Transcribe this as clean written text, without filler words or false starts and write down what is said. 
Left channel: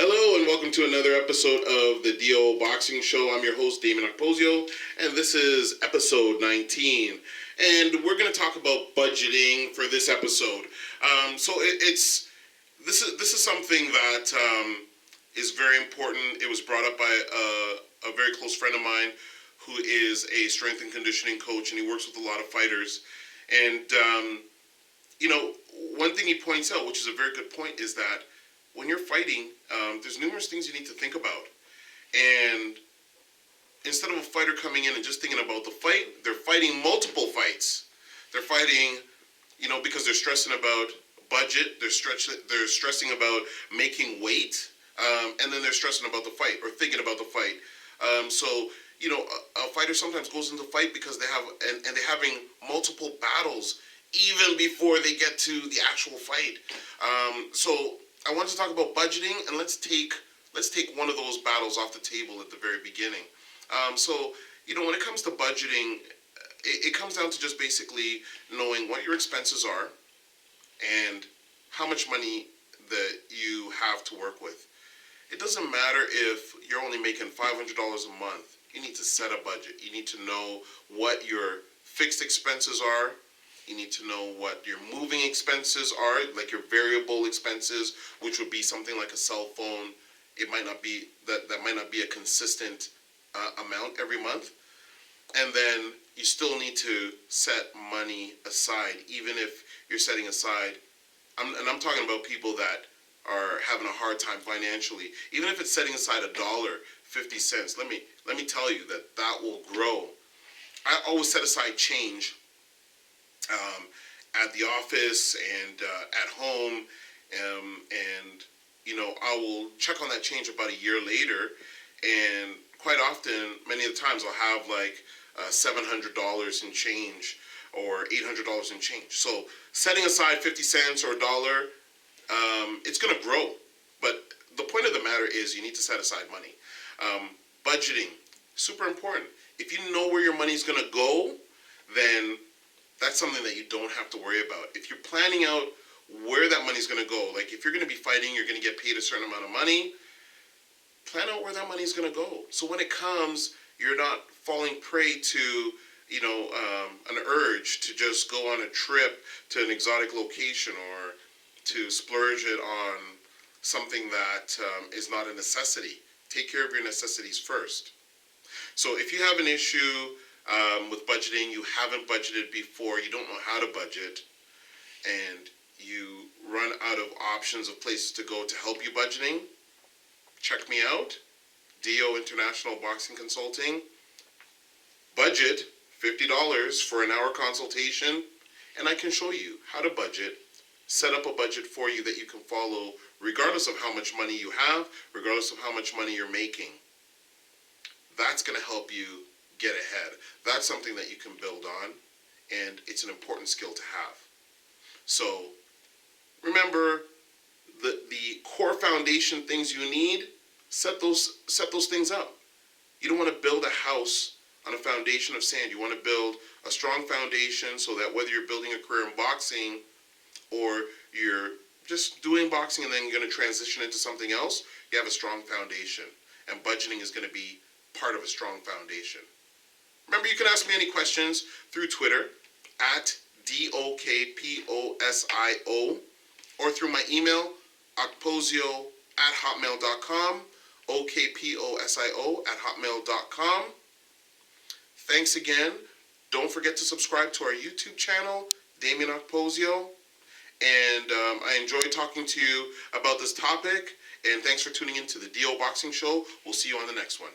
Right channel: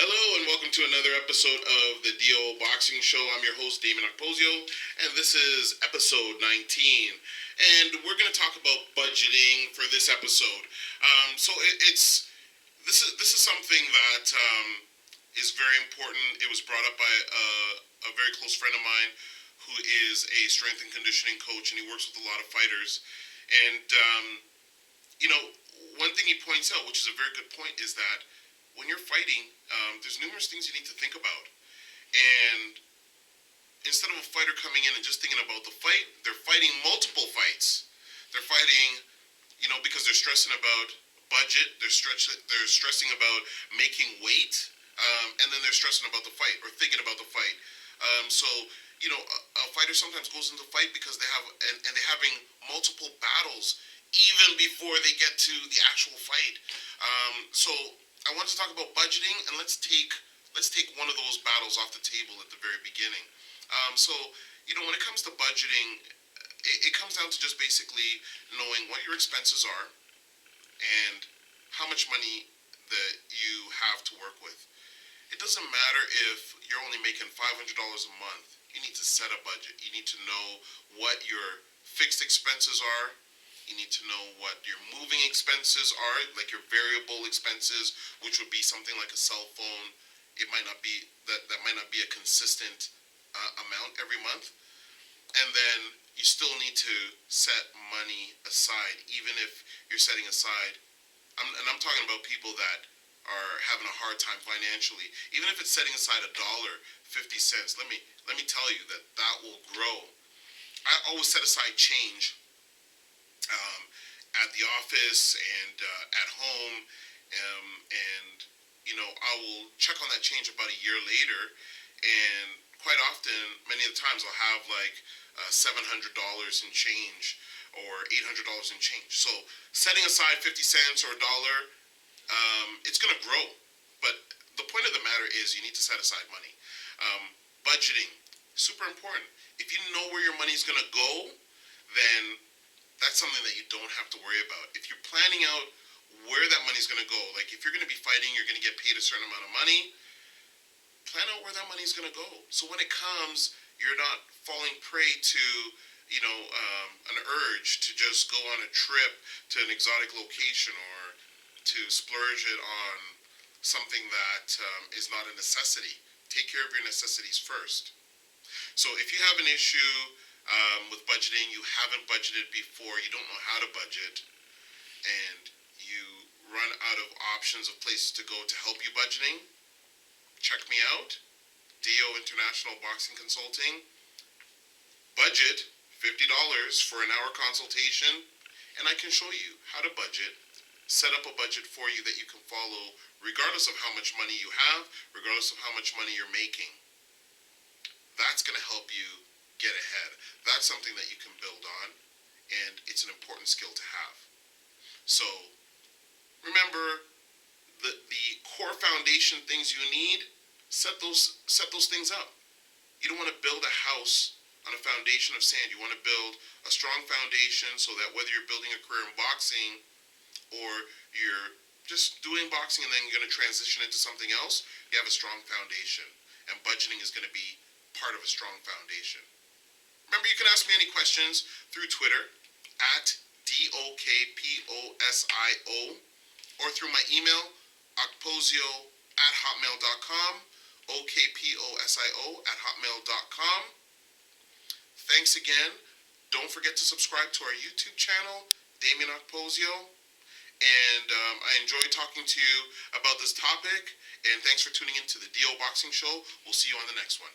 Hello and welcome to another episode of the DO Boxing Show. I'm your host, Dameon Okposio, and this is episode 19. And we're going to talk about budgeting for this episode. This is something that is very important. It was brought up by a very close friend of mine who is a strength and conditioning coach, and he works with a lot of fighters. And one thing he points out, which is a very good point, is that when you're fighting, there's numerous things you need to think about. And instead of a fighter coming in and just thinking about the fight, they're fighting multiple fights. They're fighting, because they're stressing about budget, they're stressing about making weight, and then they're stressing about the fight or thinking about the fight. A fighter sometimes goes into fight because they're having multiple battles even before they get to the actual fight. I want to talk about budgeting, and let's take one of those battles off the table at the very beginning. When it comes to budgeting, it comes down to just basically knowing what your expenses are and how much money that you have to work with. It doesn't matter if you're only making $500 a month. You need to set a budget. You need to know what your fixed expenses are. You need to know what your moving expenses are, like your variable expenses, which would be something like a cell phone. It might not be that might not be a consistent amount every month. And then you still need to set money aside, even if you're setting aside. I'm talking about people that are having a hard time financially. Even if it's setting aside $1.50, let me tell you that will grow. I always set aside change at the office and at home, and I will check on that change about a year later, and quite often, many of the times, I'll have like $700 in change or $800 in change. So setting aside 50 cents or $1, it's going to grow. But the point of the matter is you need to set aside money. Budgeting, super important. If you know where your money is going to go, then that's something that you don't have to worry about. If you're planning out where that money's going to go, like if you're going to be fighting, you're going to get paid a certain amount of money, plan out where that money's going to go. So when it comes, you're not falling prey to, an urge to just go on a trip to an exotic location or to splurge it on something that is not a necessity. Take care of your necessities first. So if you have an issue with budgeting, you haven't budgeted before, you don't know how to budget, and you run out of options of places to go to help you budgeting, check me out, DO International Boxing Consulting. Budget $50 for an hour consultation, and I can show you how to budget, set up a budget for you that you can follow regardless of how much money you have, regardless of how much money you're making. That's going to help you get ahead. That's something that you can build on, and it's an important skill to have. So remember the core foundation things you need, set those things up. You don't want to build a house on a foundation of sand. You want to build a strong foundation so that whether you're building a career in boxing or you're just doing boxing and then you're going to transition into something else, you have a strong foundation, and budgeting is going to be part of a strong foundation. Remember, you can ask me any questions through Twitter at DOKPOSIO or through my email, okposio@hotmail.com, okposio@hotmail.com. Thanks again. Don't forget to subscribe to our YouTube channel, Dameon Okposio. And I enjoyed talking to you about this topic. And thanks for tuning in to the DO Boxing Show. We'll see you on the next one.